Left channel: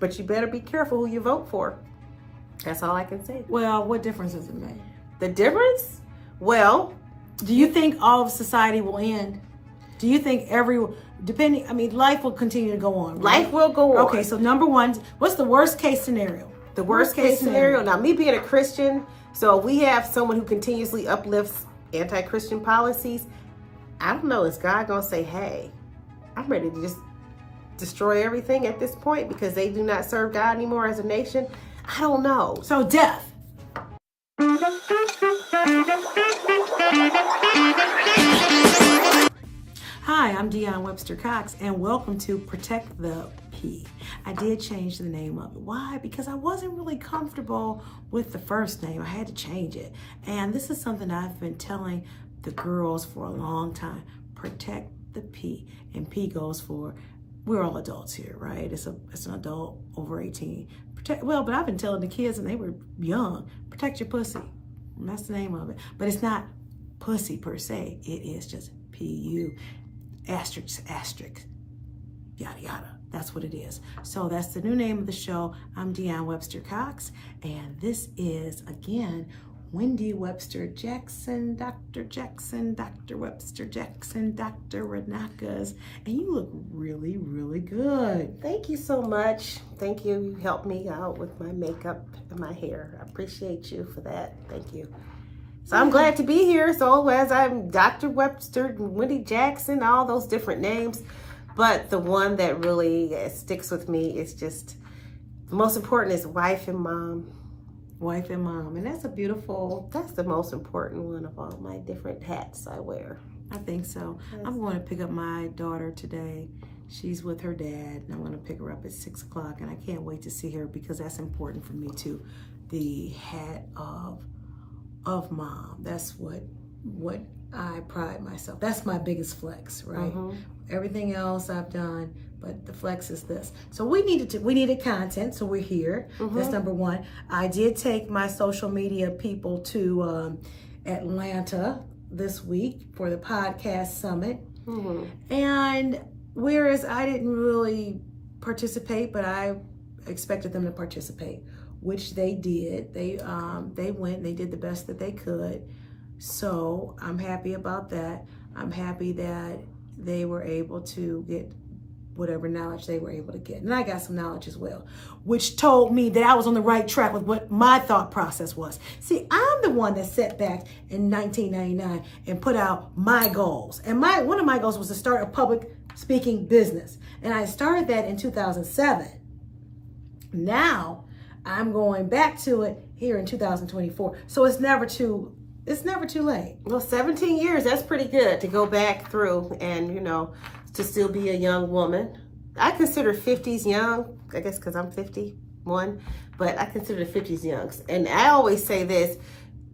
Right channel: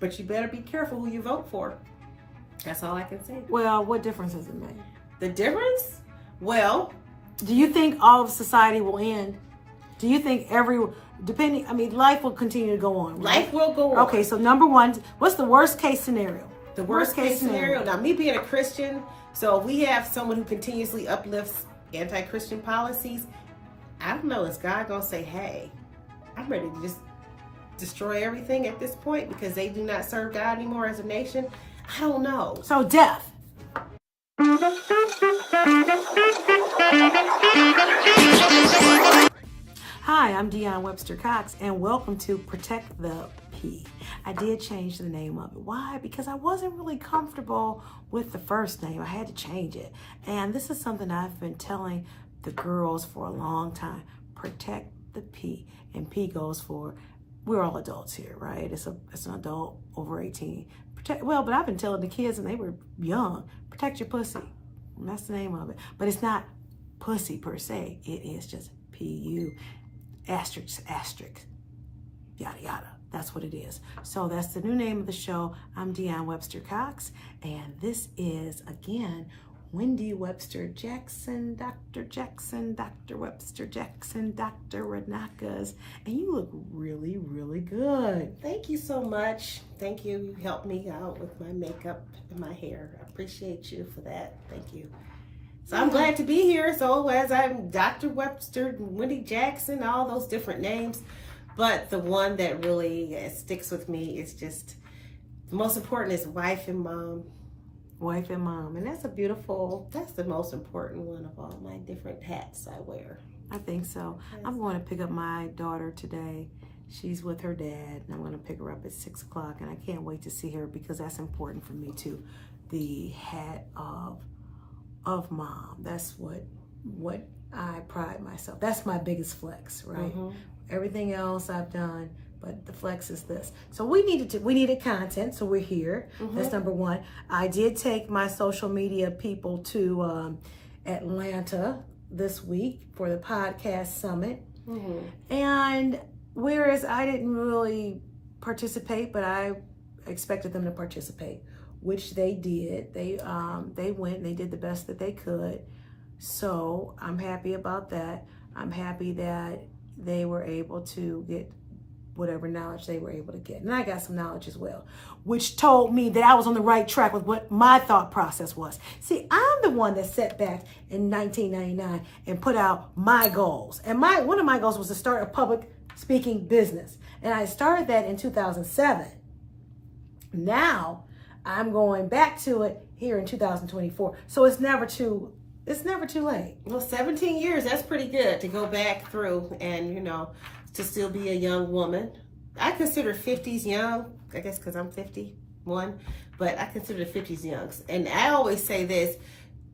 But you better be careful who you vote for. That's all I can say. Well, what difference does it make? The difference? Well, do you think all of society will end? Do you think life will continue to go on, right? Life will go on. Okay, so number one, what's the worst case scenario? The worst case scenario. Now, me being a Christian, so if we have someone who continuously uplifts anti-Christian policies, I don't know, is God going to say, hey, I'm ready to just destroy everything at this point because they do not serve God anymore as a nation? I don't know. So death. Hi, I'm Deon Webster Cox, and welcome to Protect the P. I did change the name of it. Why? Because I wasn't really comfortable with the first name. I had to change it. And this is something I've been telling the girls for a long time. Protect the P. And P goes for, we're all adults here, right? It's an adult over 18. But I've been telling the kids, and they were young, protect your pussy. And that's the name of it. But it's not pussy per se. It is just P-U. Asterisk, yada, yada. That's what it is. So that's the new name of the show. I'm Deon Webster Cox, and this is, again, Wendy Webster Jackson, Dr. Webster Jackson, Dr. Ranakas, and you look really, really good. Thank you so much. Thank you. You helped me out with my makeup and my hair. I appreciate you for that. Thank you. So I'm glad to be here. So as I'm Dr. Webster, Wendy Jackson, all those different names. But the one that really sticks with me is just, the most important is wife and mom. Wife and mom. And that's the most important one of all my different hats I wear. I think so. Yes. I'm going to pick up my daughter today. She's with her dad, and I'm going to pick her up at 6 o'clock. And I can't wait to see her because that's important for me too. The hat of mom. That's what I pride myself. That's my biggest flex, right? Mm-hmm. Everything else I've done, but the flex is this. So we needed content, so we're here. Mm-hmm. That's number one. I did take my social media people to Atlanta this week for the podcast summit. Mm-hmm. And whereas I didn't really participate, but I expected them to participate, which they did. They went and they did the best that they could. So I'm happy about that. I'm happy that they were able to get whatever knowledge they were able to get. And I got some knowledge as well, which told me that I was on the right track with what my thought process was. See, I'm the one that sat back in 1999 and put out my goals. And one of my goals was to start a public speaking business. And I started that in 2007. Now, I'm going back to it here in 2024. So it's never too late. Well, 17 years, that's pretty good to go back through and, to still be a young woman. I consider 50s young, I guess because I'm 51, but I consider the 50s young. And I always say this,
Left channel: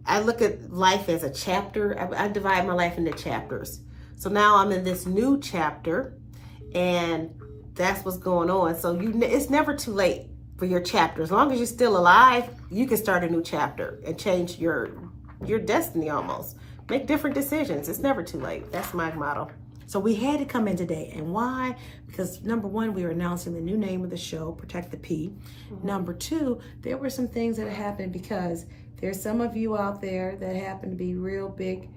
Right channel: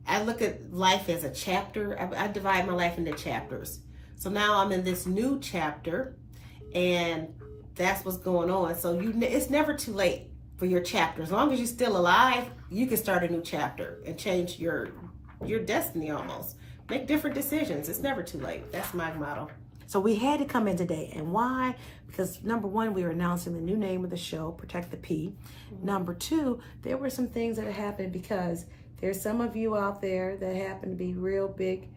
I look at life as a chapter. I divide my life into chapters. So now I'm in this new chapter, and that's what's going on. So it's never too late for your chapter. As long as you're still alive, you can start a new chapter and change your destiny almost. Make different decisions. It's never too late. That's my motto. So we had to come in today. And why? Because number one, we were announcing the new name of the show, Protect the P. Mm-hmm. Number two, there were some things that happened because there's some of you out there that happen to be real big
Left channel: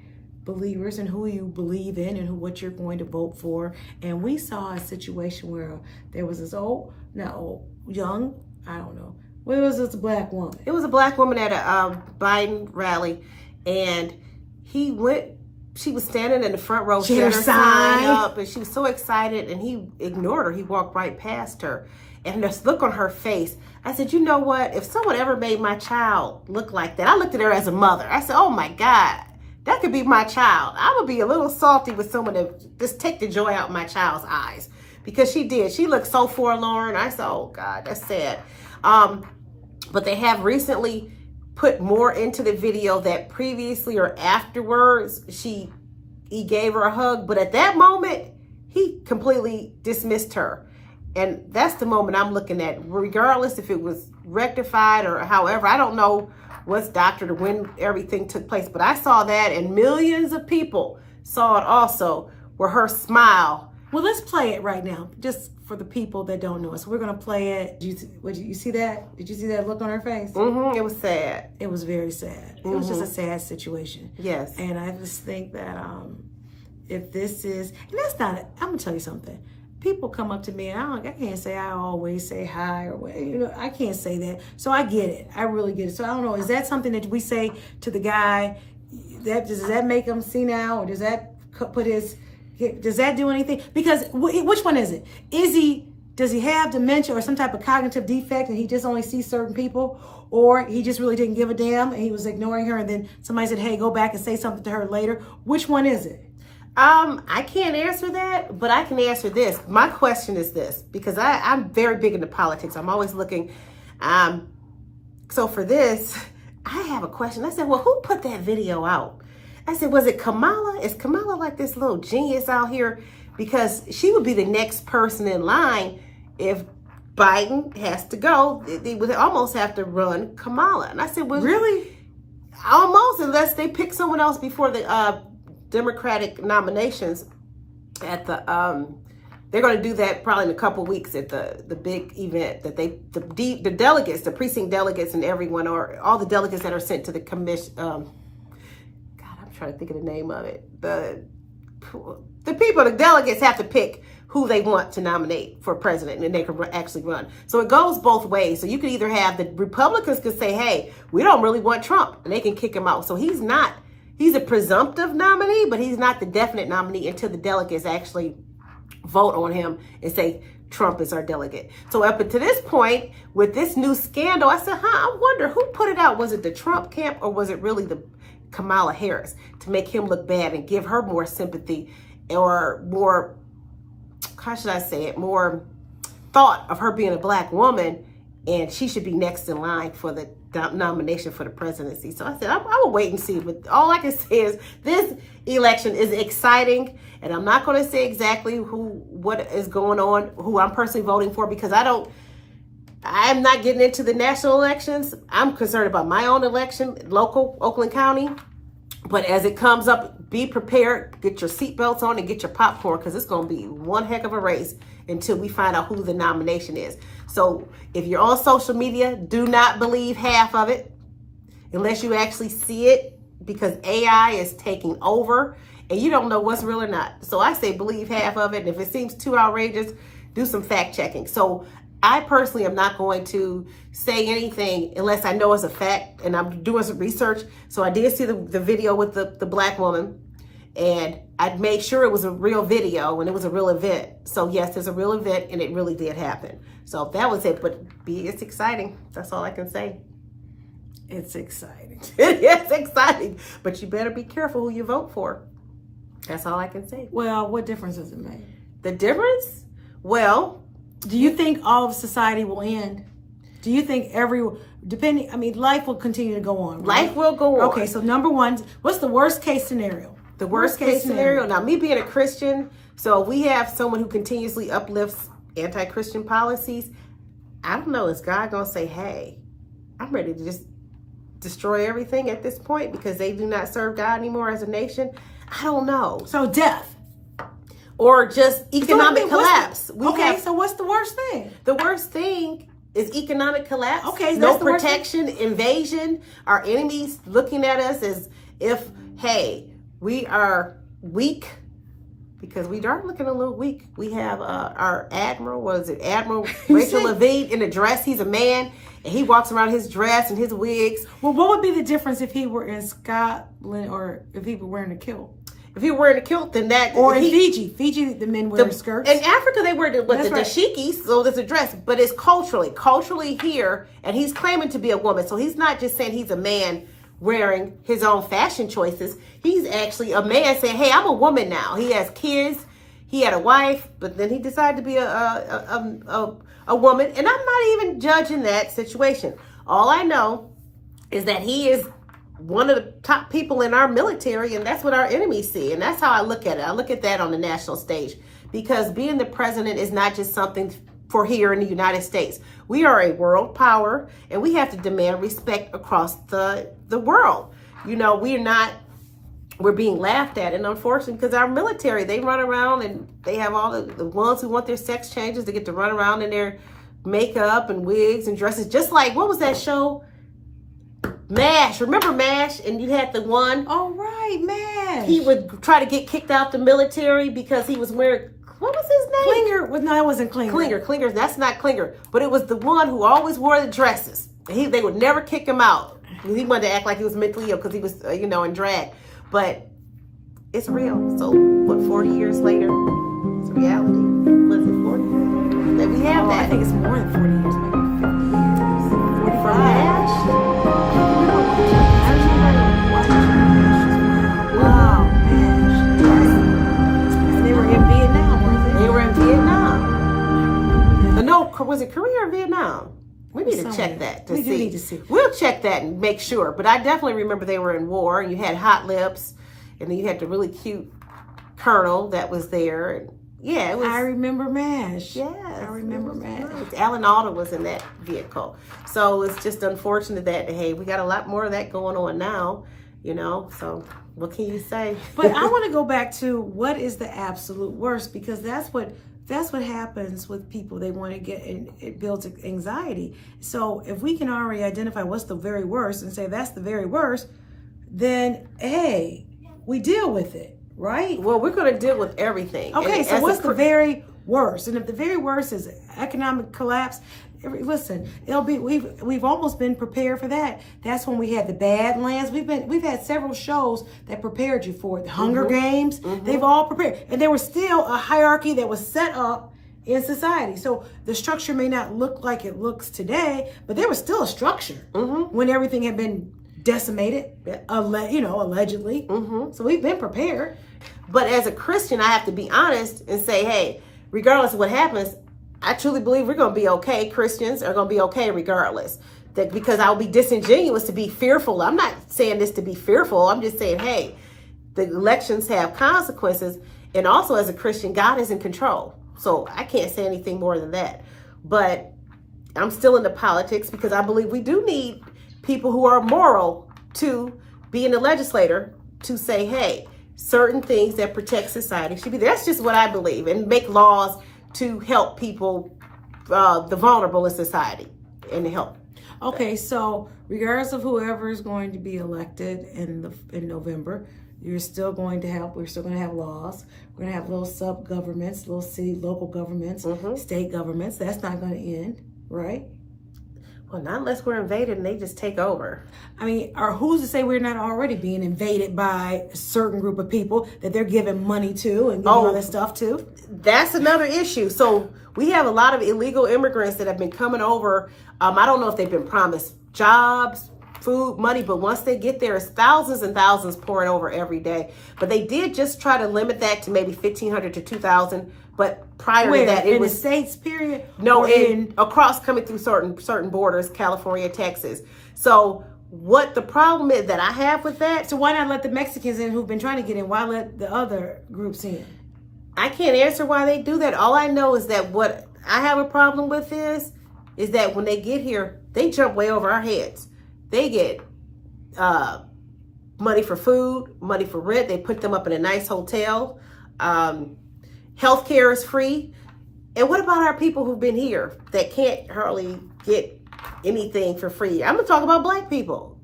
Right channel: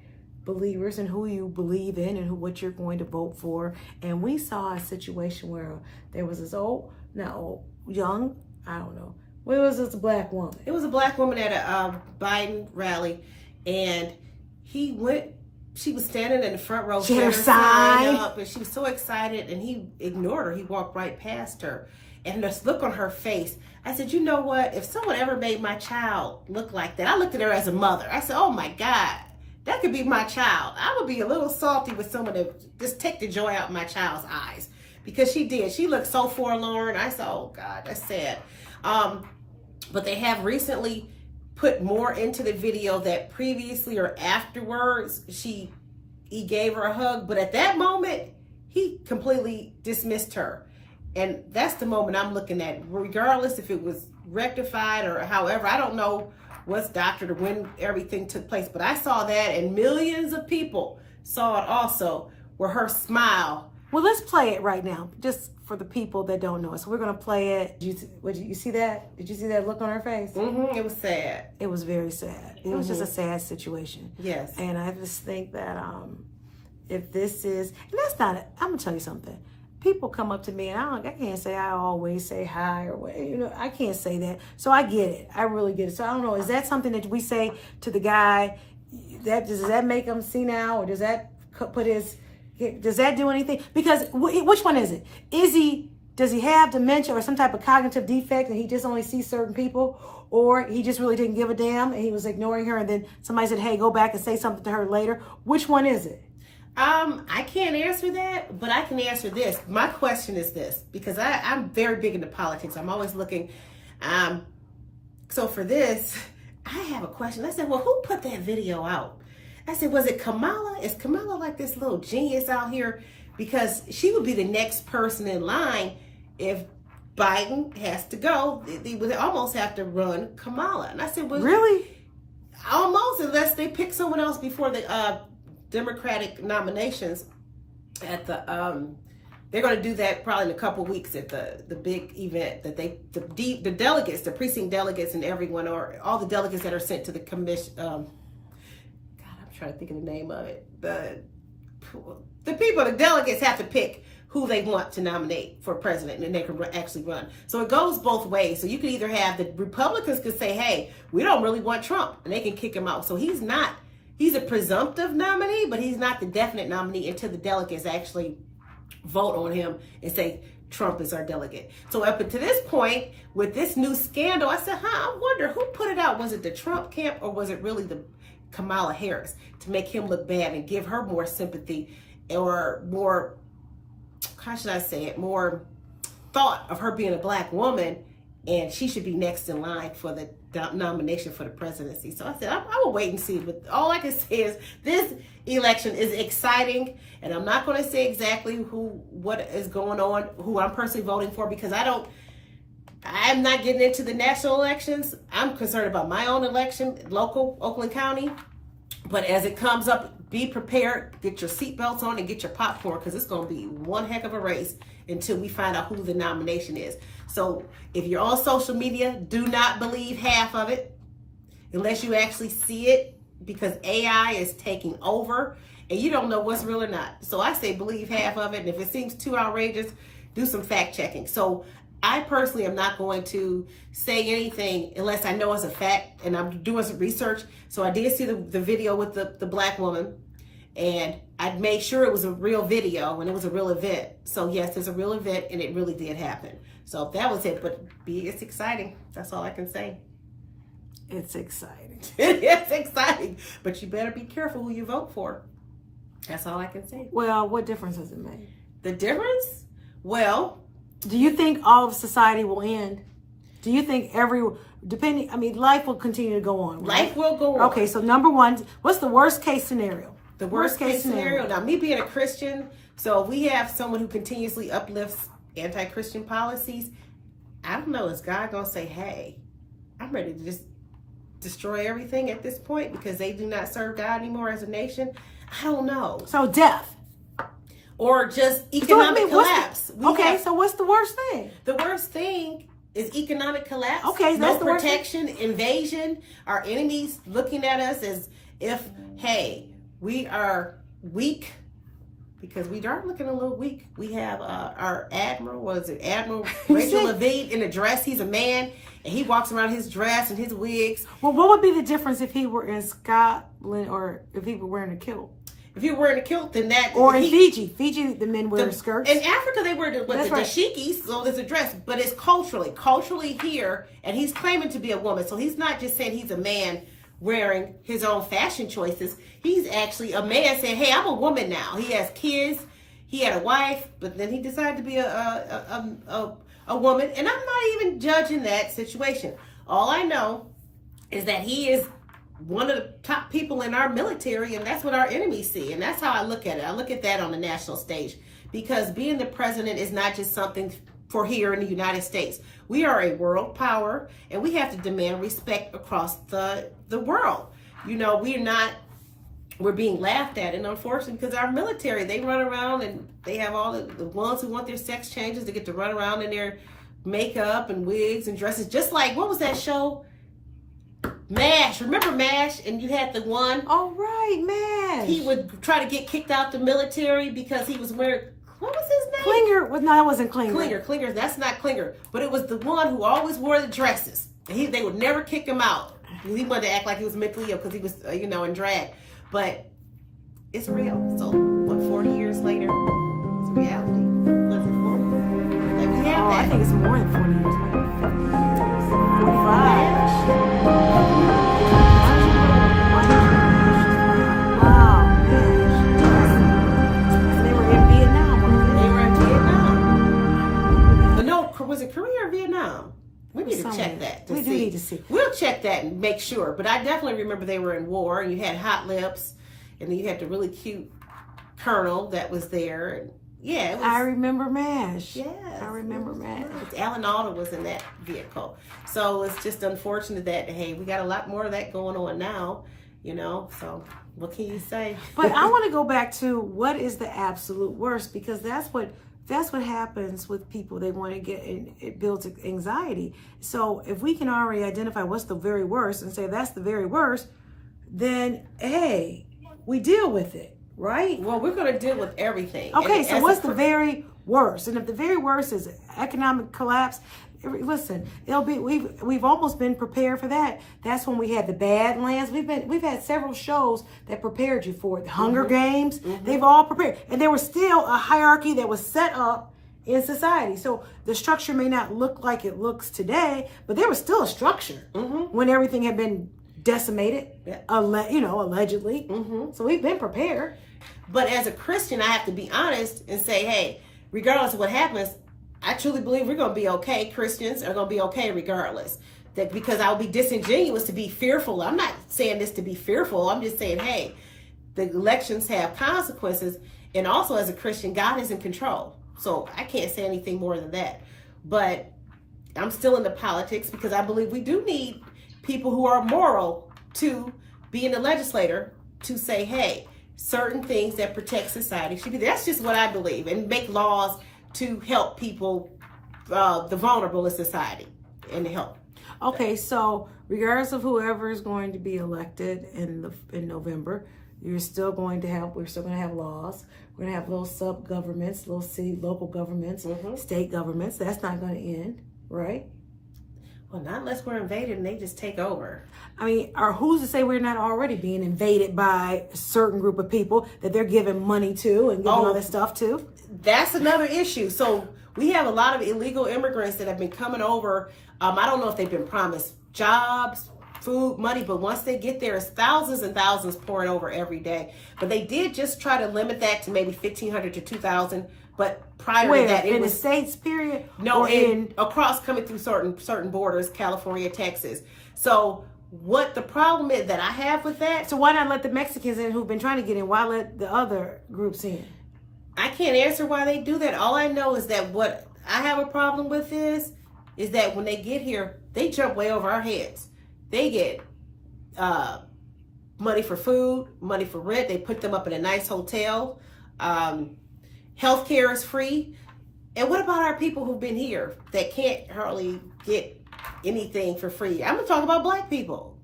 believers in who you believe in and what you're going to vote for. And we saw a situation where there was this young, I don't know. Well, it was this black woman. It was a black woman at a Biden rally, and she was standing in the front row. She had her sign up, and she was so excited, and he ignored her. He walked right past her. And this look on her face, I said, you know what? If someone ever made my child look like that, I looked at her as a mother. I said, oh my God, that could be my child. I would be a little salty with someone that just take the joy out of my child's eyes. Because she did. She looked so forlorn. I said, oh God, that's sad. But they have recently put more into the video that previously or afterwards, he gave her a hug. But at that moment, he completely dismissed her. And that's the moment I'm looking at, regardless if it was rectified or however. I don't know what's doctored or when everything took place, but I saw that, and millions of people saw it also, where her smile. Well, let's play it right now, just for the people that don't know it. So we're going to play it. Did you see that? Did you see that look on her face? Mm-hmm. It was sad. It was very sad. It was just a sad situation. Yes. And I just think that if this is, and that's not, I'm going to tell you something. People come up to me and I can't say I always say hi or what, I can't say that. So I get it. I really get it. So I don't know. Is that something that we say to the guy? Does that make him senile, or does that does that do anything? Because which one is it? Does he have dementia or some type of cognitive defect and he just only sees certain people, or he just really didn't give a damn and he was ignoring her and then somebody said, hey, go back and say something to her later? Which one is it? I can't answer that, but I can answer this. My question is this, because I'm very big into politics. I'm always looking. So for this, I have a question. I said, well, who put that video out? I said, was it Kamala? Is Kamala like this little genius out here? Because she would be the next person in line if Biden has to go. They would almost have to run Kamala. And I said, well, really? Almost, unless they pick someone else before the Democratic nominations at the they're going to do that probably in a couple of weeks at the big event that the delegates, the precinct delegates, and everyone, or all the delegates that are sent to the commission. I'm trying to think of the name of it. The delegates have to pick who they want to nominate for president, and they can actually run. So it goes both ways. So you could either have the Republicans could say, hey, we don't really want Trump, and they can kick him out. So he's a presumptive nominee, but he's not the definite nominee until the delegates actually vote on him and say Trump is our delegate. So up to this point, with this new scandal, I said, I wonder who put it out. Was it the Trump camp, or was it really the Kamala Harris to make him look bad and give her more sympathy, or more, how should I say it, more thought of her being a black woman, and she should be next in line for the nomination for the presidency. So I said, I will wait and see. But all I can say is this election is exciting, and I'm not going to say exactly what is going on, who I'm personally voting for, because I'm not getting into the national elections. I'm concerned about my own election, local, Oakland County. But as it comes up, be prepared, get your seatbelts on, and get your popcorn, because it's going to be one heck of a race until we find out who the nomination is. So if you're on social media, do not believe half of it unless you actually see it, because AI is taking over and you don't know what's real or not. So I say believe half of it. And if it seems too outrageous, do some fact checking. So I personally am not going to say anything unless I know it's a fact, and I'm doing some research. So I did see the video with the black woman, and I made sure it was a real video and it was a real event. So yes, there's a real event, and it really did happen. So that was it. But it's exciting. That's all I can say. It's exciting. It's exciting. But you better be careful who you vote for. That's all I can say. Well, what difference does it make? The difference? Well, do you think all of society will end? Do you think life will continue to go on, right? Life will go on. Okay, so number one, what's the worst case scenario? The worst case scenario. Now, me being a Christian, so we have someone who continuously uplifts anti-Christian policies. I don't know, is God going to say, hey, I'm ready to just destroy everything at this point because they do not serve God anymore as a nation? I don't know. So death. Or just economic collapse. So what's the worst thing? The worst thing is economic collapse. Okay, no protection, invasion, our enemies looking at us as if, hey, we are weak, because we are looking a little weak. We have our Admiral Rachel Levine in a dress. He's a man, and he walks around his dress and his wigs. Well, what would be the difference if he were in Scotland or if he were wearing a kilt? If he were wearing a kilt, then that... Or in Fiji, the men wear skirts. In Africa, they wear the dashikis, so there's a dress. But it's culturally here, and he's claiming to be a woman. So he's not just saying he's a man wearing his own fashion choices. He's actually a man saying, hey, I'm a woman now. He has kids. He had a wife, but then he decided to be a woman. And I'm not even judging that situation. All I know is that he is one of the top people in our military, and that's what our enemies see. And that's how I look at it. I look at that on the national stage, because being the president is not just something for here in the United States. We are a world power, and we have to demand respect across the world. You know, we're not we're being laughed at. And unfortunately, because our military, they run around and they have all the ones who want their sex changes to get to run around in their makeup and wigs and dresses, just like, what was that show? MASH. Remember MASH? And you had the one. Oh, right, MASH. He would try to get kicked out the military because he was wearing, what was his name? Klinger. Well, no, it wasn't Klinger. Klinger. That's not Klinger. But it was the one who always wore the dresses. They would never kick him out. He wanted to act like he was mentally ill because he was, in drag. But it's real. So, what, 40 years later, it's reality. Was it 40 years? That we have that. I think it's more than 40 years. Maybe 50 years. 45. I remember watching MASH. Wow, MASH. And they were in Vietnam, weren't they? They were in Vietnam. No, was it Korea or Vietnam? We need to check that. We do need to see. We'll check that and make sure. But I definitely remember they were in war, and you had hot lips, and then you had the really cute colonel that was there. And yeah, it was. I remember MASH. Yes, I remember MASH. Alan Alda was in that vehicle. So it's just unfortunate that, hey, we got a lot more of that going on now, so what can you say? But I want to go back to what is the absolute worst, because that's what happens with people. They want to get, it builds anxiety. So if we can already identify what's the very worst and say that's the very worst, then hey, we deal with it, right? Well, we're going to deal with everything. Okay, so what's the very worst? And if the very worst is economic collapse, listen, it'll be, we've almost been prepared for that. That's when we had the Badlands. We've had several shows that prepared you for it. The Hunger Games, they've all prepared. And there was still a hierarchy that was set up in society. So the structure may not look like it looks today, but there was still a structure when everything had been decimated, allegedly. So we've been prepared. But as a Christian, I have to be honest and say, hey, regardless of what happens, I truly believe we're going to be okay. Christians are going to be okay regardless. That because I'll be disingenuous to be fearful. I'm not saying this to be fearful. I'm just saying, hey, the elections have consequences. And also as a Christian, God is in control. So I can't say anything more than that. But I'm still into politics because I believe we do need people who are moral to be in the legislature to say, hey, certain things that protect society should be there. That's just what I believe. And make laws to help people, the vulnerable in society, and to help. Okay, so regardless of whoever is going to be elected in November, we're still going to have laws. We're going to have little sub-governments, little city, local governments, state governments. That's not going to end, right? Well, not unless we're invaded and they just take over. I mean, or who's to say we're not already being invaded by a certain group of people that they're giving money to and giving all that stuff to? That's another issue. So we have a lot of illegal immigrants that have been coming over. I don't know if they've been promised jobs, food, money, but once they get there, it's thousands and thousands pouring over every day. But they did just try to limit that to maybe 1,500 to 2,000. But prior to that, it was the states, period. No, across coming through certain borders, California, Texas. So what the problem is that I have with that? So why not let the Mexicans in who've been trying to get in? Why let the other groups in? I can't answer why they do that. All I know is that what I have a problem with is that when they get here, they jump way over our heads. They get money for food, money for rent. They put them up in a nice hotel. Healthcare is free. And what about our people who've been here that can't hardly get anything for free? I'm going to talk about black people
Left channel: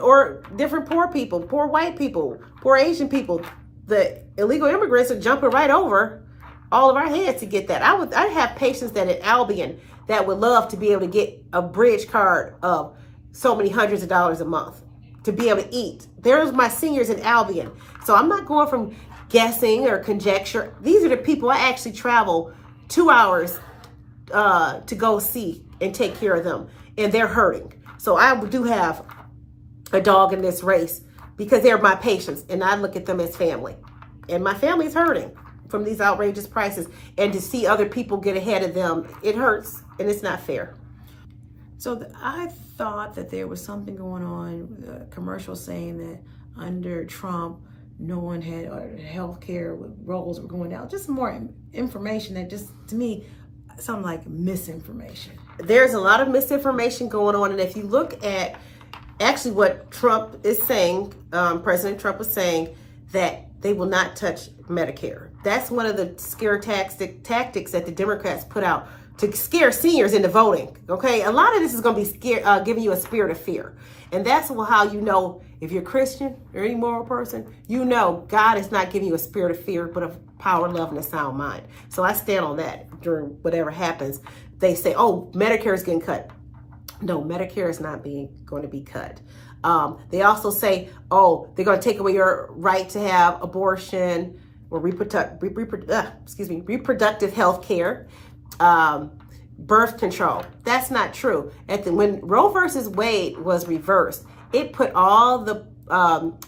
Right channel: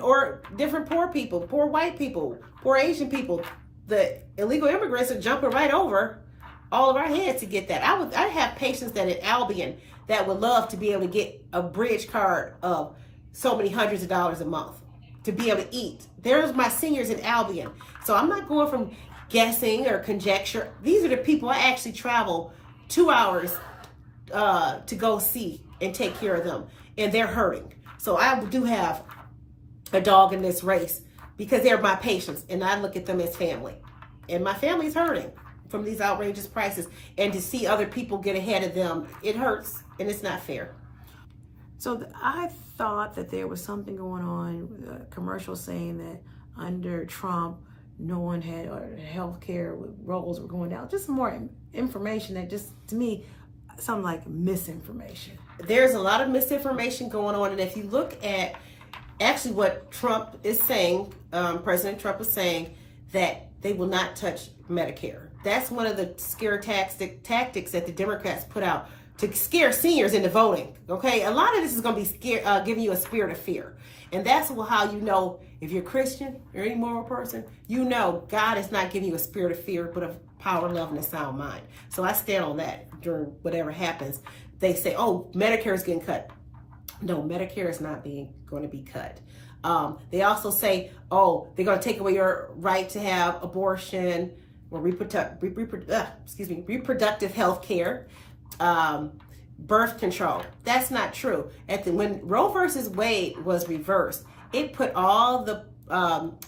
or different poor people, poor white people, poor Asian people. The illegal immigrants are jumping right over all of our heads to get that. I have patients that at Albion that would love to be able to get a bridge card of so many hundreds of dollars a month to be able to eat. There's my seniors in Albion. So I'm not going from guessing or conjecture. These are the people I actually travel 2 hours to go see and take care of them, and they're hurting. So I do have a dog in this race because they're my patients, and I look at them as family, and my family's hurting from these outrageous prices, and to see other people get ahead of them, it hurts, and it's not fair. So I thought that there was something going on, a commercial saying that under Trump, no one had healthcare rolls were going down. Just more information that just, to me, sounded like misinformation. There's a lot of misinformation going on. And if you look at actually what Trump is saying, President Trump is saying that they will not touch Medicare. That's one of the scare tactics that the Democrats put out to scare seniors into voting. Okay, a lot of this is going to be giving you a spirit of fear, and that's how you know if you're a Christian or any moral person. You know God is not giving you a spirit of fear, but of power, love, and a sound mind. So I stand on that during whatever happens. They say, "Oh, Medicare is getting cut." No, Medicare is not going to be cut. They also say, "Oh, they're going to take away your right to have abortion or reproductive health care, birth control." That's not true. When Roe versus Wade was reversed, it put all the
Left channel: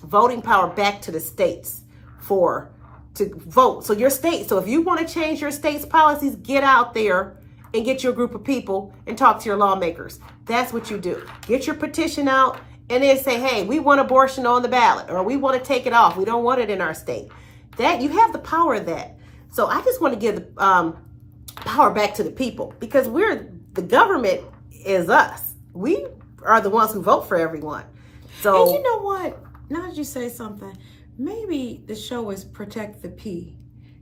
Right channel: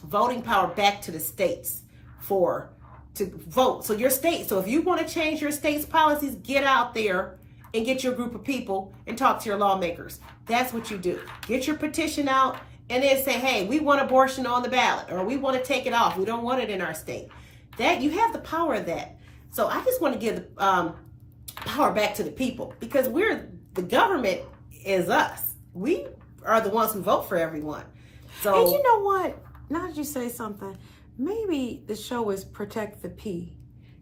voting power back to the states to vote. So your state. So if you want to change your state's policies, get out there and get your group of people and talk to your lawmakers. That's what you do. Get your petition out and then say, "Hey, we want abortion on the ballot," or "We want to take it off. We don't want it in our state." That you have the power of that. So I just want to give the power back to the people, because the government is us. We are the ones who vote for everyone. So, and you know what? Now that you say something, maybe the show is Protect the P.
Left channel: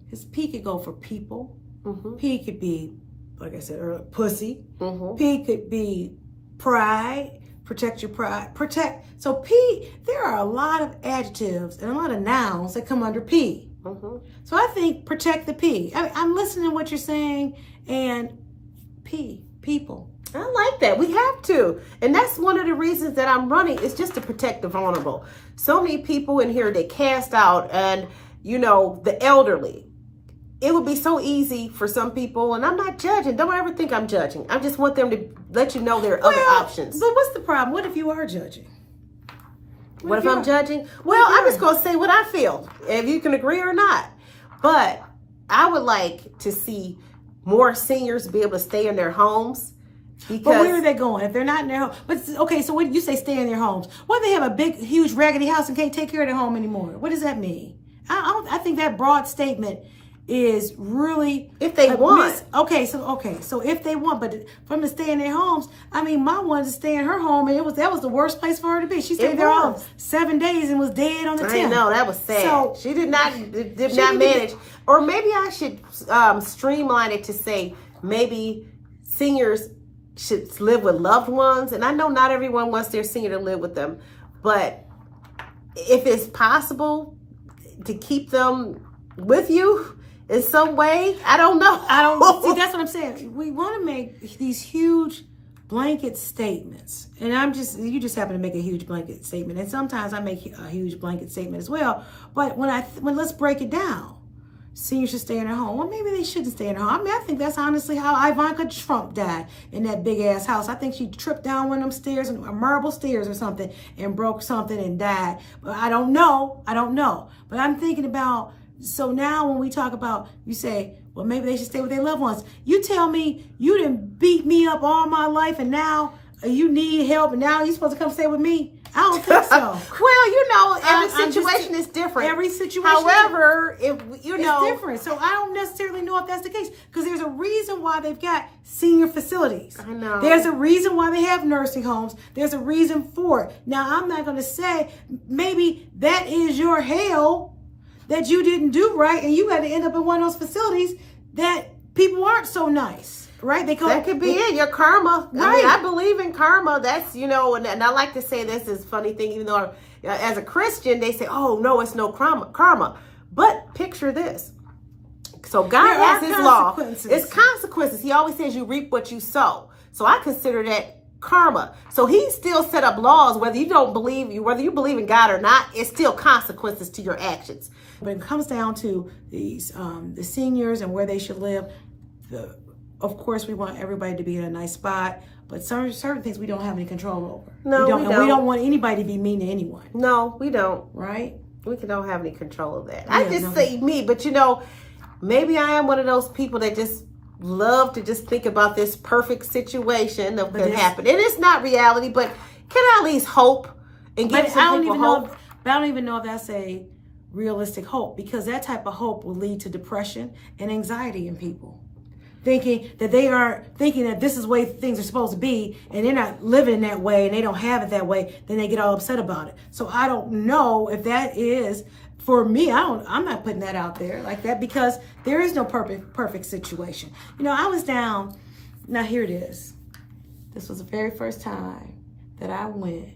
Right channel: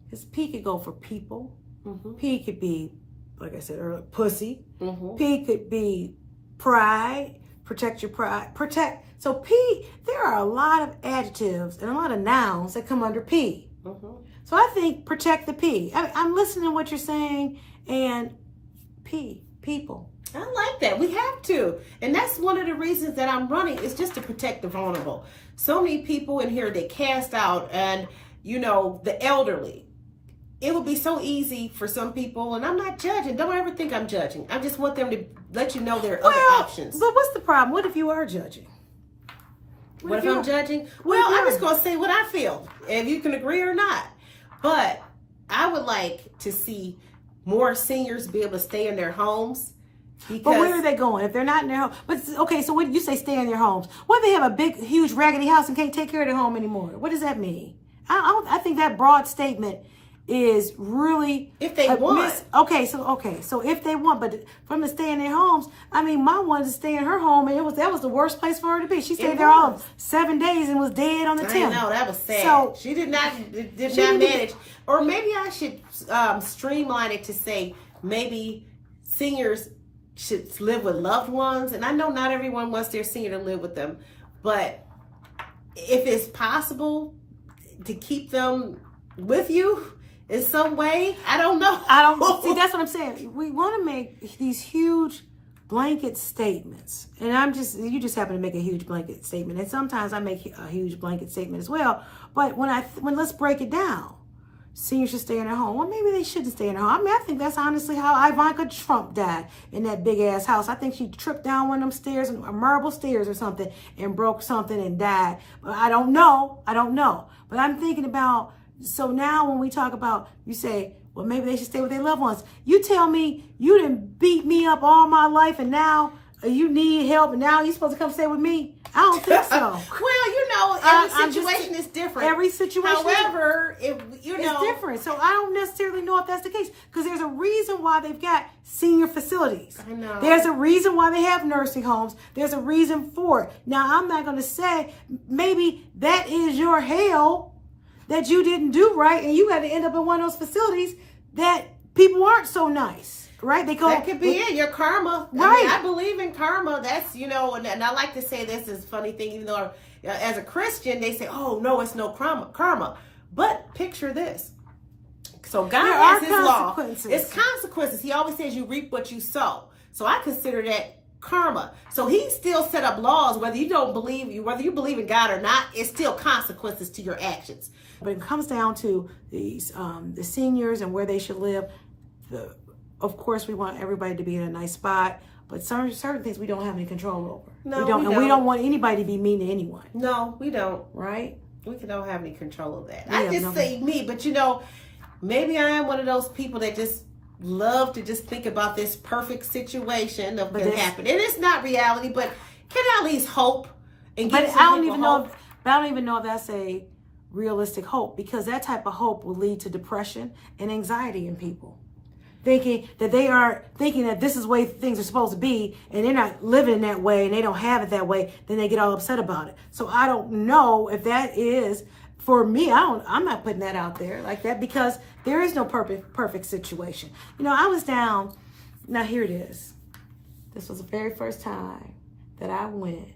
Because P could go for people. Mm-hmm. P could be, like I said earlier, pussy. Mm-hmm. P could be pride. Protect your pride. Protect. So P, there are a lot of adjectives and a lot of nouns that come under P. Mm-hmm. So I think protect the P. I'm listening to what you're saying, and P, people. I like that. We have to. And that's one of the reasons that I'm running, is just to protect the vulnerable. So many people in here, they cast out, and, the elderly. It would be so easy for some people, and I'm not judging. Don't ever think I'm judging. I just want them to let you know there are other options. But what's the problem? What if you are judging? What if I'm judging? Well, I'm just going to say what I feel, if you can agree or not. But I would like to see more seniors be able to stay in their homes. But where are they going if they're not in their home? But okay, so when you say stay in their homes, what if they have a big, huge, raggedy house and can't take care of their home anymore? What does that mean? I think that broad statement is really, if they want. So if they want, but for them to stay in their homes, I mean, my one to stay in her home, and that was the worst place for her to be. She stayed there all 7 days and was dead on the 10th. I know, that was sad. So she did not manage. Or maybe I should streamline it to say maybe seniors should live with loved ones. And I know not everyone wants their senior to live with them, but if it's possible to keep them with you in some way, I don't know. See, that's what I'm saying. We want to make these huge blanket statements, and you just happen to make a huge blanket statement, and sometimes I make a huge blanket statement as well. But when let's break it down. Seniors should stay in their home. Well, maybe they shouldn't stay in their home. I mean, I think that's honestly how Ivanka Trump died, in that big ass house. I think she tripped down one of them stairs, marble stairs or something, and broke something and died. But I don't know. But I'm thinking about, so now when we talk about, you say, well, maybe they should stay with their loved ones. You tell me you didn't beat me up all my life, and now you need help, and now you're supposed to come stay with me? I don't think so. Well, every situation is different. Every situation. However, it's different. So I don't necessarily know if that's the case, because there's a reason why they've got senior facilities. I know. There's a reason why they have nursing homes. There's a reason for it. Now, I'm not going to say maybe that is your hell that you didn't do right, and you had to end up in one of those facilities that people aren't so nice. Right? That could be it. Your karma. Right. I mean, I believe in karma. That's, and I like to say this is a funny thing, even though as a Christian, they say, oh, no, it's no karma. But picture this. So God has his law. It's consequences. He always says you reap what you sow. So I consider that karma. So he still set up laws, whether you believe in God or not, it's still consequences to your actions. But it comes down to these the seniors and where they should live. Of course, we want everybody to be in a nice spot, but certain things we don't have any control over. No, we don't. And we don't want anybody to be mean to anyone. No, we don't. Right? We don't have any control of that. I just say me, but maybe I am one of those people that just love to just think about this perfect situation that can happen. And it's not reality, but can I at least hope and give some people hope? I don't even know if that's a realistic hope, because that type of hope will lead to depression and anxiety in people. thinking that this is the way things are supposed to be, and they're not living that way, and they don't have it that way, then they get all upset about it. So I don't know if that is, for me, I'm not putting that out there like that, because there is no perfect situation. You know, I was down, now here it is. This was the very first time that I went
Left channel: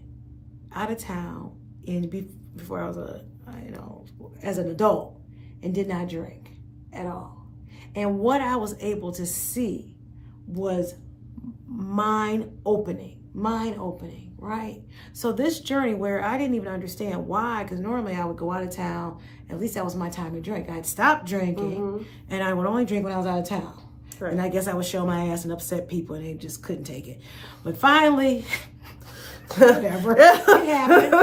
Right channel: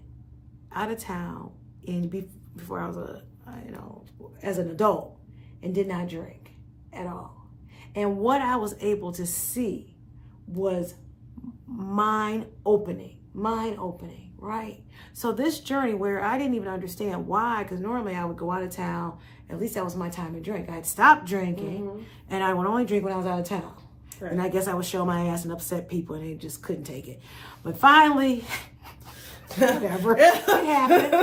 out of town before I was as an adult, and did not drink at all. And what I was able to see was mind-opening, right? So this journey where I didn't even understand why, because normally I would go out of town, at least that was my time to drink. I had stopped drinking, and I would only drink when I was out of town. Right. And I guess I would show my ass and upset people, and they just couldn't take it. But finally, whatever, it happened.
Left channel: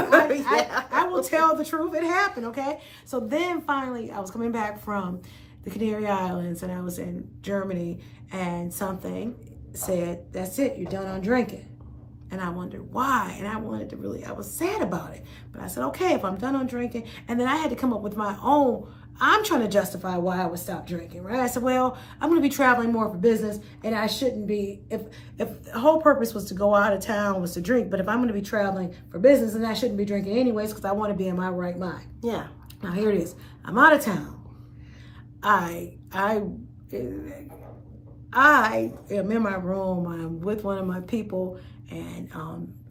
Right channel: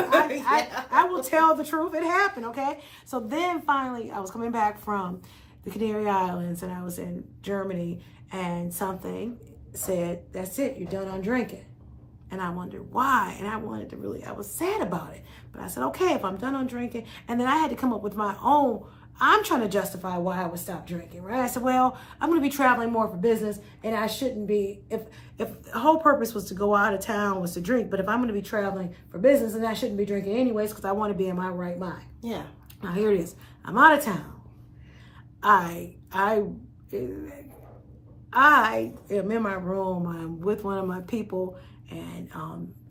I will tell the truth. It happened, okay? So then finally, I was coming back from the Canary Islands, and I was in Germany, and something said, that's it, you're done on drinking. And I wondered why, and I was sad about it. But I said, okay, if I'm done on drinking, and then I had to come up with my own, I'm trying to justify why I would stop drinking, right? I said, well, I'm going to be traveling more for business, and I shouldn't be, if the whole purpose was to go out of town was to drink, but if I'm going to be traveling for business, then I shouldn't be drinking anyways, because I want to be in my right mind. Yeah. Now here it is. I'm out of town. I am in my room. I'm with one of my people, and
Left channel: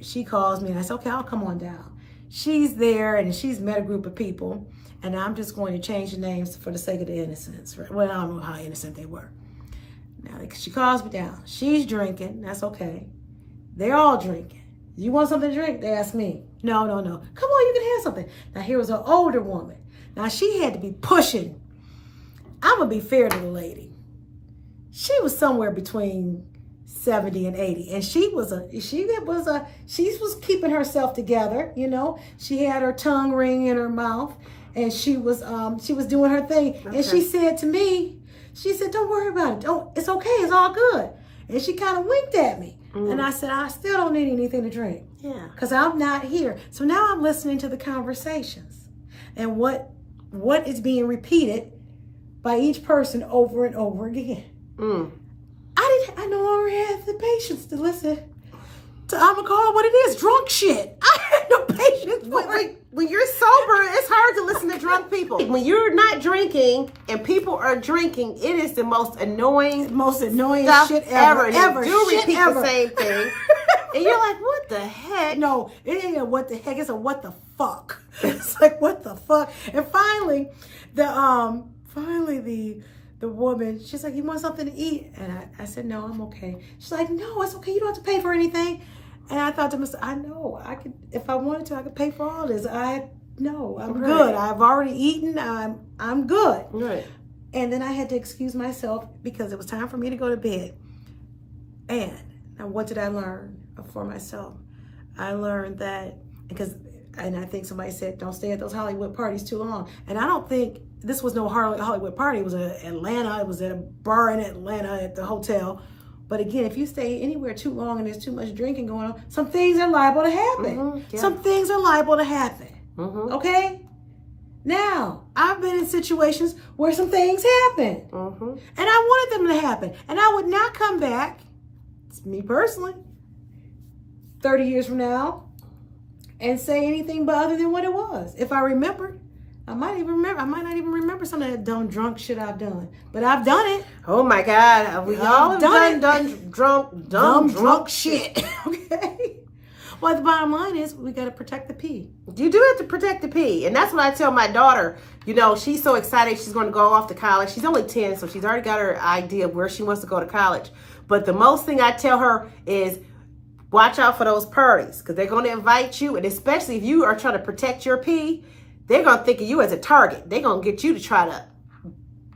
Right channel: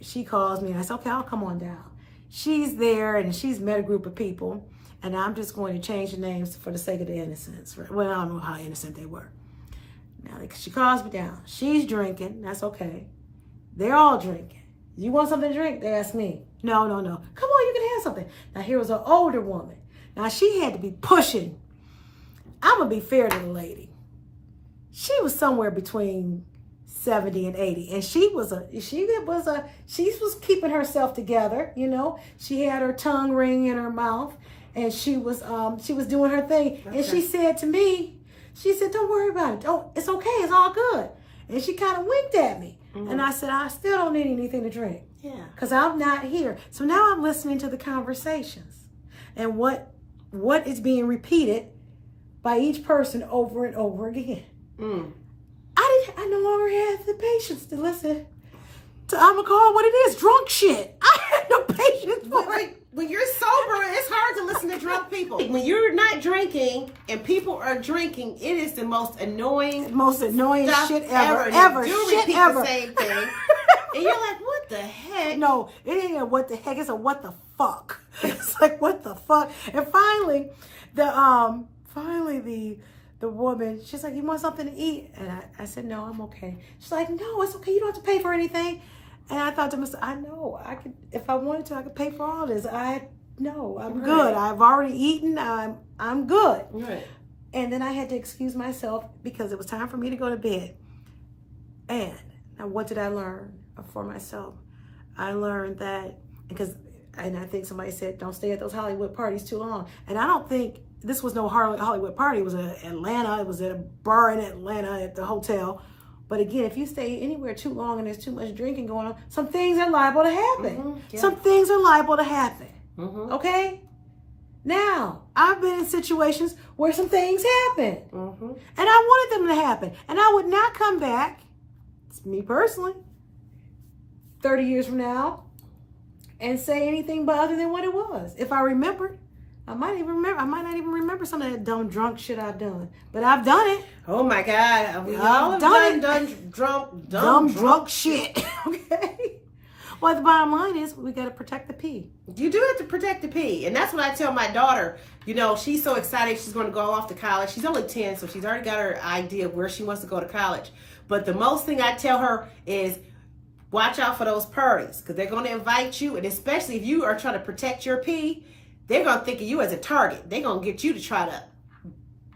she calls me, and I said, okay, I'll come on down. She's there, and she's met a group of people, and I'm just going to change the names for the sake of the innocence. Well, I don't know how innocent they were. Now, she calls me down. She's drinking. That's okay. They're all drinking. You want something to drink? They ask me. No. Come on, you can have something. Now, here was an older woman. Now, she had to be pushing. I'm going to be fair to the lady. She was somewhere between 70 and 80. And she was keeping herself together, you know. She had her tongue ring in her mouth, and she was doing her thing. Okay. And she said to me, don't worry about it. It's okay. It's all good. And she kind of winked at me. And I said, I still don't need anything to drink. Yeah. Because I'm not here. So now I'm listening to the conversations and what is being repeated by each person over and over again. I no longer have the patience to listen to, I'm gonna call it what it is, drunk shit. I had no patience for it. When you're sober, it's hard to listen to drunk people. When you're not drinking and people are drinking, it is the most annoying shit ever. You repeat the same thing. And you're like, what the heck? No, it ain't a what the heck, it's a what the fuck. It's like, what the fuck? And finally, the woman, she's like, you want something to eat? And I said, no, I'm okay. She's like, no, it's okay. You don't have to pay for anything. And I thought to myself, I know, I could, if I wanted to, I could pay for all this. I'm good. I've already eaten. I'm good. Right. And then I had to excuse myself because it was time for me to go to bed. And now what did I learn for myself? I learned that, and I think somebody said, don't stay at those Hollywood parties too long. And I don't think this was no Hollywood party. It was in Atlanta. It was at a bar in Atlanta at the hotel. But again, if you stay anywhere too long and there's too much drinking going on, some things are liable to happen. Yeah. Some things are liable to happen. Okay? Now, I've been in situations where some things happen. And I wanted them to happen. And I would not come back, it's me personally, 30 years from now, and say anything but other than what it was. If I remembered, I might not even remember some of that dumb drunk shit I've done. But I've done it. Oh my God. We all have done drunk shit. Okay. Well, the bottom line is we got to protect the pee. You do have to protect the pee. And that's what I tell my daughter. You know, she's so excited she's going to go off to college. She's only 10, so she's already got her idea of where she wants to go to college. But the most thing I tell her is watch out for those parties, because they're going to invite you. And especially if you are trying to protect your pee, they're going to think of you as a target. They're going to get you to try to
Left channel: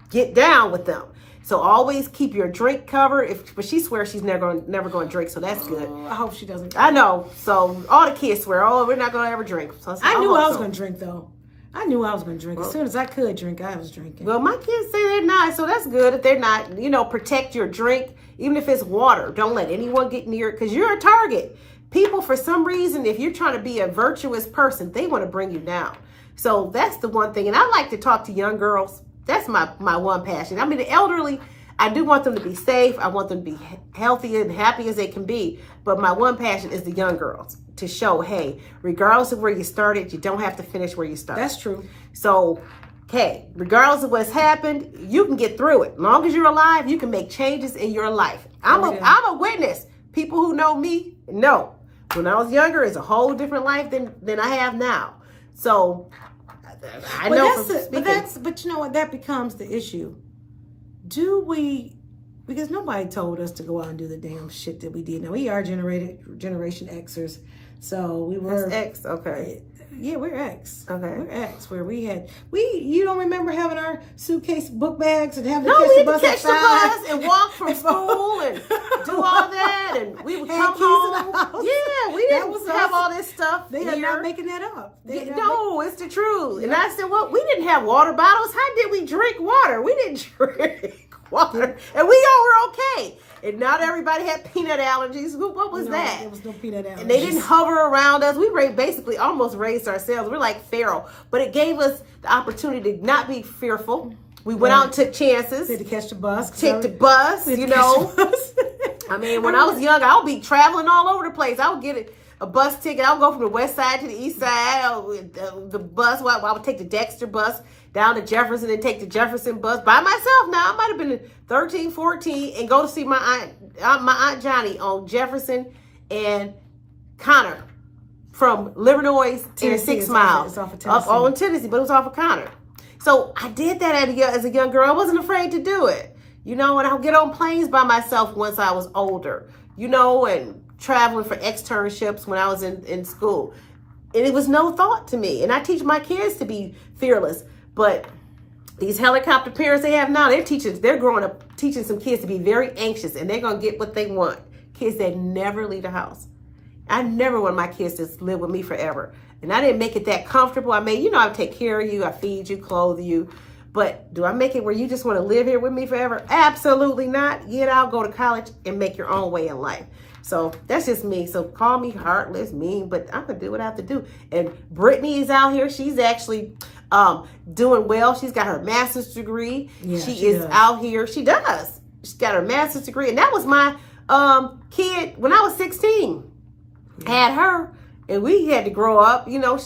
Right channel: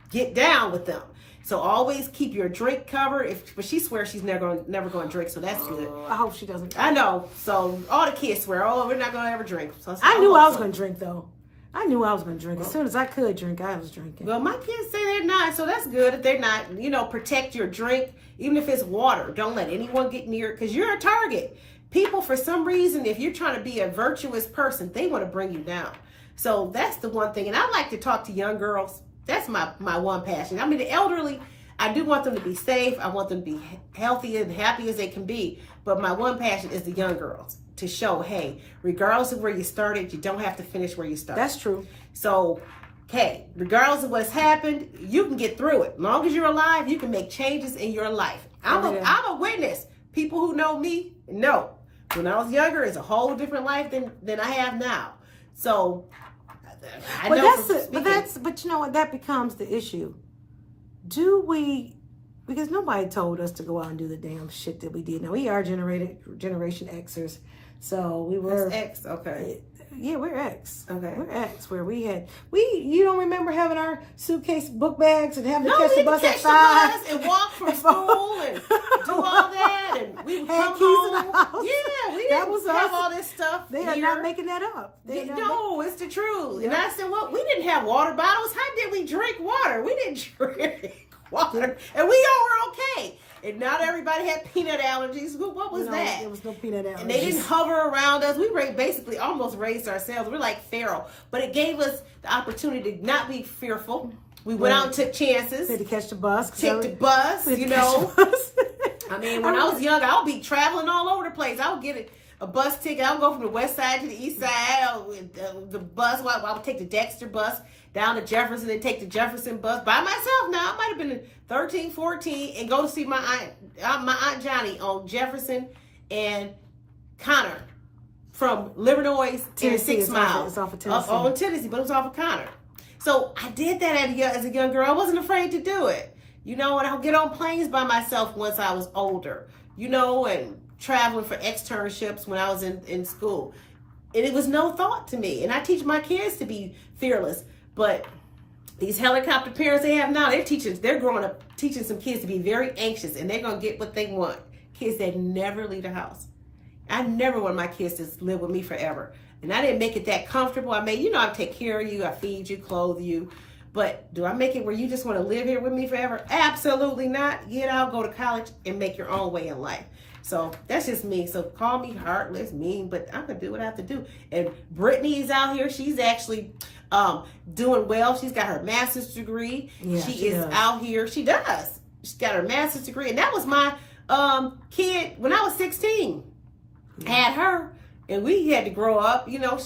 get down with them. So always keep your drink covered. But she swears she's never going to drink, so that's good. I hope she doesn't. I know. So all the kids swear, we're not going to ever drink. So I knew I was going to drink, though. I knew I was going to drink. As soon as I could drink, I was drinking. Well, my kids say they're not, so that's good. If they're not, protect your drink. Even if it's water, don't let anyone get near it, because you're a target. People, for some reason, if you're trying to be a virtuous person, they want to bring you down. So that's the one thing. And I like to talk to young girls. That's my one passion. I mean, the elderly, I do want them to be safe. I want them to be healthy and happy as they can be. But my one passion is the young girls, to show, hey, regardless of where you started, you don't have to finish where you started. That's true. So, hey, regardless of what's happened, you can get through it. As long as you're alive, you can make changes in your life. I'm a witness. People who know me know. When I was younger, it's a whole different life than I have now. So, I know. But you know what? That becomes the issue. Do we? Because nobody told us to go out and do the damn shit that we did. Now we are Generation Xers, so we were X. Okay. Yeah, we're X. Okay. We're X, where you don't remember having our suitcase book bags and having to No, catch we the had bus to at catch the 5 bus and walk from school and do all that, and we would Had come keys in home. the house. Yeah, we That didn't was have us. all this stuff. They are here. not making that up. No, it's the truth. And I said, well, we didn't have water bottles. How did we drink water? We didn't drink water, and we all were okay. And not everybody had peanut allergies. What was that? There was no peanut allergies. And they didn't hover around us. We basically almost raised ourselves. We're like feral. But it gave us the opportunity to not be fearful. We went out and took chances. We had to catch the bus. Take the bus, you know. I mean, when I was young, I would be traveling all over the place. I would get a bus ticket. I would go from the west side to the east side. The bus, I would take the Dexter bus down to Jefferson and take the Jefferson bus by myself. Now, I might have been 13, 14 and go to see my aunt Johnny on Jefferson and Connor from Livernois to 6 Mile. It's off of Tennessee. Up on Tennessee, but it was off of Connor. So I did that as a young girl. I wasn't afraid to do it. You know, and I would get on planes by myself once I was older, you know, and traveling for externships when I was in school. And it was no thought to me. And I teach my kids to be fearless. But these helicopter parents they have now, they're growing up teaching some kids to be very anxious, and they're going to get what they want. Kids that never leave the house. I never want my kids to live with me forever. And I didn't make it that comfortable. I mean, I take care of you, I feed you, clothe you. But do I make it where you just want to live here with me forever? Absolutely not. Get out, go to college, and make your own way in life. So that's just me. So call me heartless, mean, but I'm going to do what I have to do. And Brittany is out here. She's actually doing well. She's got her master's degree. Yeah, she is out here. She does. She's got her master's degree. And that was my kid when I was 16. Yeah. Had her. And we had to grow up. You know,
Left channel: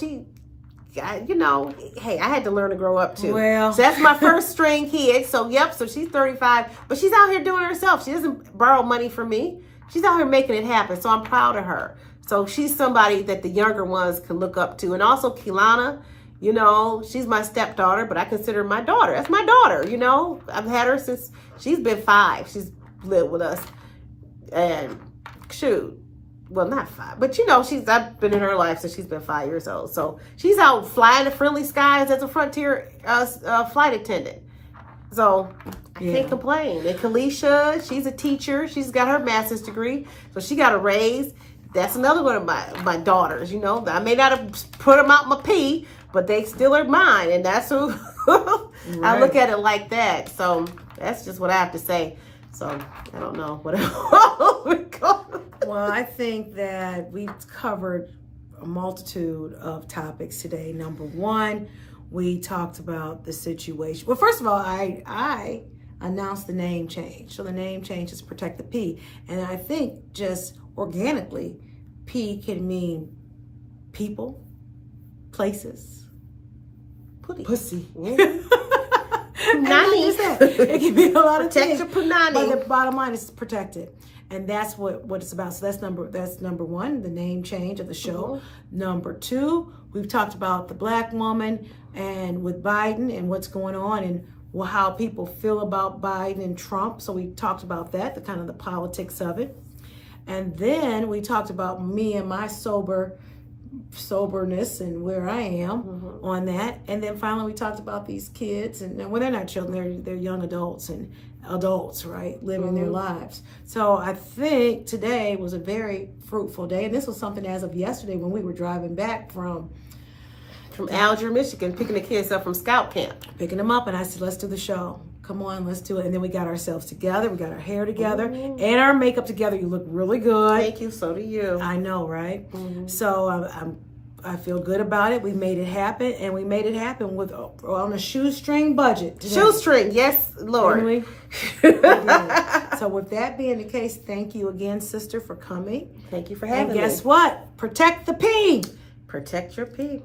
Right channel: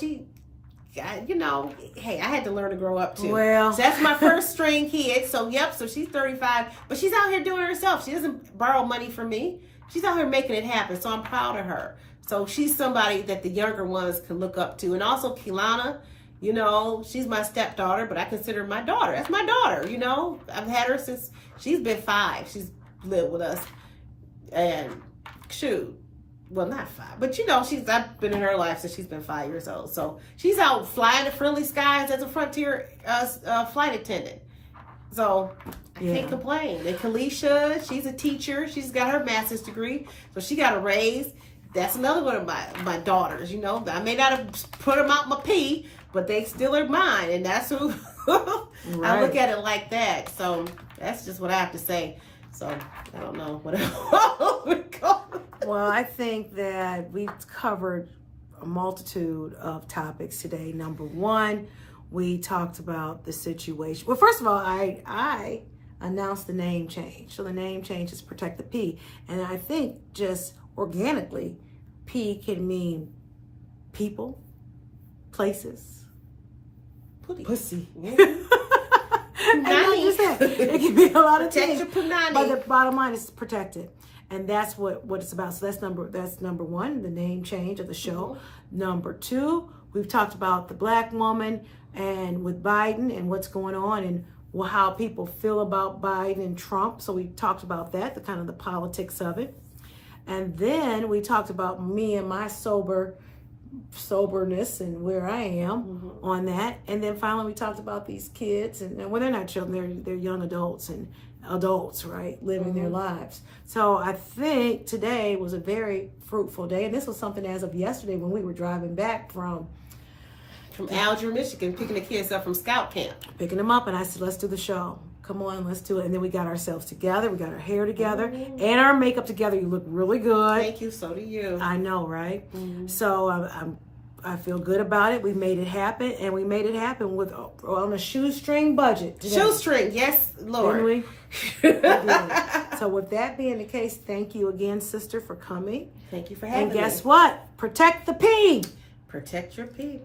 hey, I had to learn to grow up too. Well, so that's my first string kid. So, so she's 35. But she's out here doing it herself. She doesn't borrow money from me. She's out here making it happen. So I'm proud of her. So she's somebody that the younger ones can look up to. And also Keelana, you know, she's my stepdaughter, but I consider her my daughter. That's my daughter, you know. I've had her since she's been 5. She's lived with us. And well, not 5, but you know, I've been in her life since she's been 5 years old. So she's out flying the friendly skies as a Frontier flight attendant. So I can't complain. And Kalisha, she's a teacher. She's got her master's degree. So she got a raise. That's another one of my daughters, you know. I may not have put them out my pee, but they still are mine. And that's who I look at it like that. So that's just what I have to say. So I don't know what else. Well, I think that we've covered a multitude of topics today. Number one, we talked about the situation. Well, first of all, I announced the name change. So the name change is Protect the P. And I think just organically, P can mean people, places, pussy. It can be a lot of things. But the bottom line is protected. And that's what it's about. So that's number one, the name change of the show. Mm-hmm. Number two, we've talked about the Black woman and with Biden and what's going on and how people feel about Biden and Trump. So we talked about that, the kind of the politics of it. And then we talked about me and my soberness and where I am on that. And then finally we talked about these kids and well, they're not children, they're young adults and adults, right? Living their lives. So I think today was a very fruitful day. And this was something as of yesterday when we were driving back from Alger, Michigan, picking the kids up from scout camp. Picking them up and I said, let's do the show. Come on, let's do it. And then we got ourselves together. We got our hair together and our makeup together. You look really good. Thank you. So do you. I know, right? So I feel good about it. We made it happen, and we made it happen with on a shoestring budget today. Shoestring, yes, Lord. Didn't we? We did. So with that being the case, thank you again, sister, for coming. Thank you for having me. And guess what? Protect the pig. Protect your pig.